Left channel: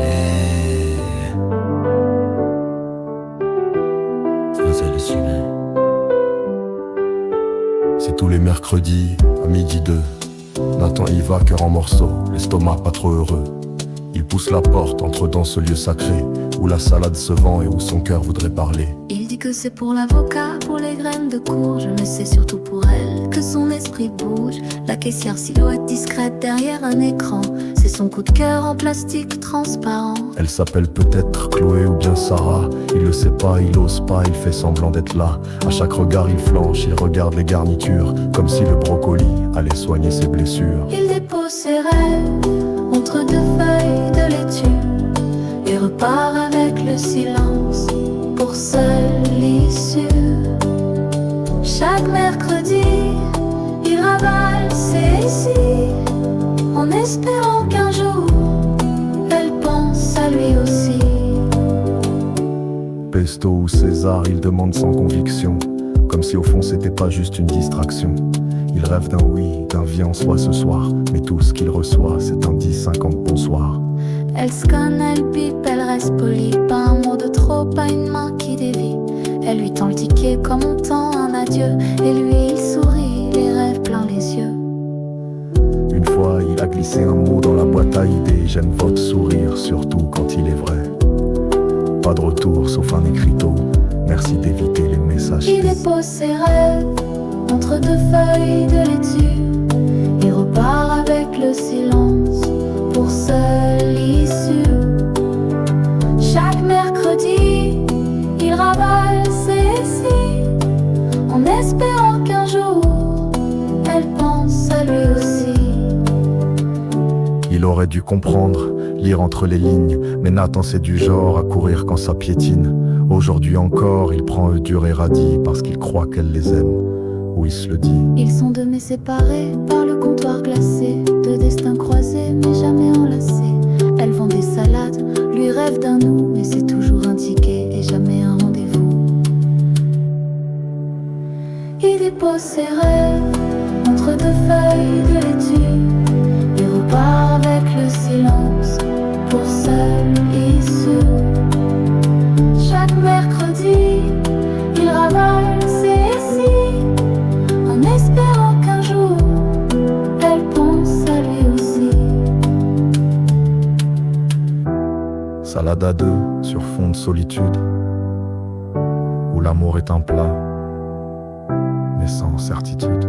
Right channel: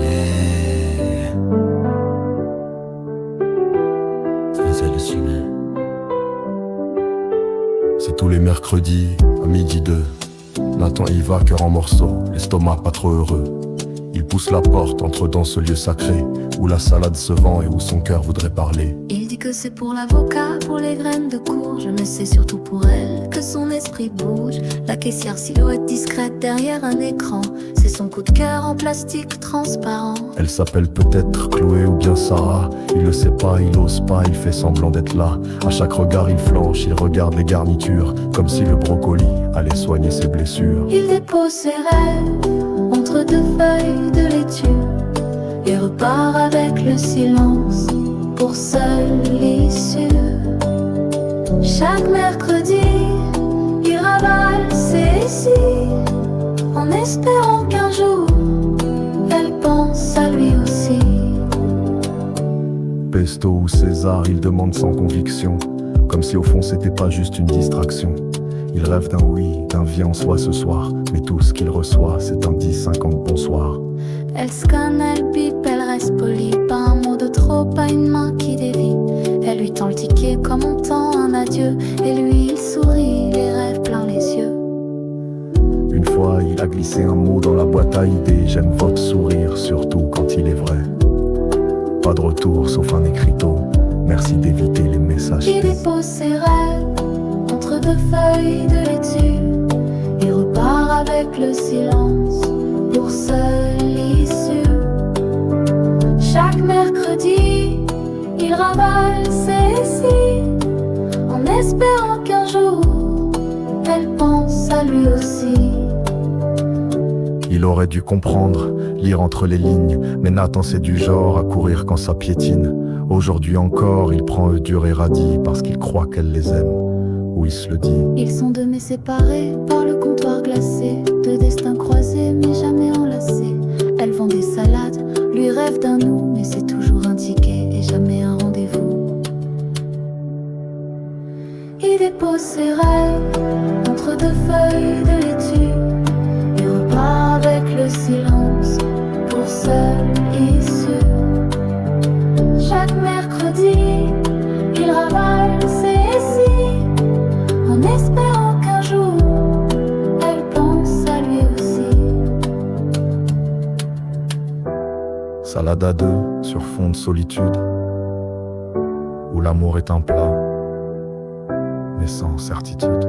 Yeah. C'est le suivant. C'est tous les mercredis, à midi 2. Nathan y va, cœur en morceaux, l'estomac pas trop heureux. Il pousse la porte, entre dans ce lieu sacré, où la salade se vend et où son cœur voudrait parler. Il dit que c'est pour l'avocat, pour les graines de courge, mais c'est surtout pour elle que son esprit bouge. La caissière silhouette discrète derrière un écran, c'est son coup de cœur en plastique transparent. Elle s'appelle peut-être Chloé ou bien Sarah. Il le sait pas, il ose pas, il fait semblant d'être là. À chaque regard il flanche, il regarde les garnitures, comme si le brocoli allait soigner ses blessures. Il dépose ses rêves entre deux feuilles de laitue et repart avec le silence pour seule issue. Chaque mercredi, il ravale ses récits en espérant qu'un jour, elle pense à lui aussi. Pesto ou César, il demande sans conviction, comme si au fond c'était pas juste une distraction. Il rêve d'un oui, d'un viens en soi ce soir, mais tout ce qu'il reçoit c'est un 10-50 bonsoir. Elle scanne, elle bip, elle reste polie, pas un mot de trop, pas une main qui dévie. Elle lui tend le ticket comme on tend un adieu, et lui il sourit, les rêves plein les yeux. Une fois il a glissé un mot dans la boîte à idées, j'aime votre sourire, surtout quand il est vrai. Pas de retour sauf un écriteau, merci d'éviter les messages. Il dépose ses rêves entre deux feuilles de laitue et repart avec le silence pour seule issue. Chaque mercredi, il ravale ses récits en espérant qu'un jour, elle pense à lui aussi. Il aurait dû comprendre, lire entre les lignes, mais Nathan c'est du genre à courir quand ça piétine. Aujourd'hui encore, il prend eux dur et radis parce qu'il croit qu'elle les aime, ou il se le dit. Ils sont deux mais séparés par le comptoir glacé, deux destins croisés mais jamais enlacés. Elle vend des salades, lui rêve d'un nous, mais c'est toujours un ticket et jamais un rendez-vous. Il dépose ses rêves entre deux feuilles de laitue et repart avec le silence pour seule issue. Chaque mercredi, il ravale ses récits en espérant qu'un jour, elle pense à lui aussi. Salade à deux sur fond de solitude, où l'amour est un plat, mais sans certitude.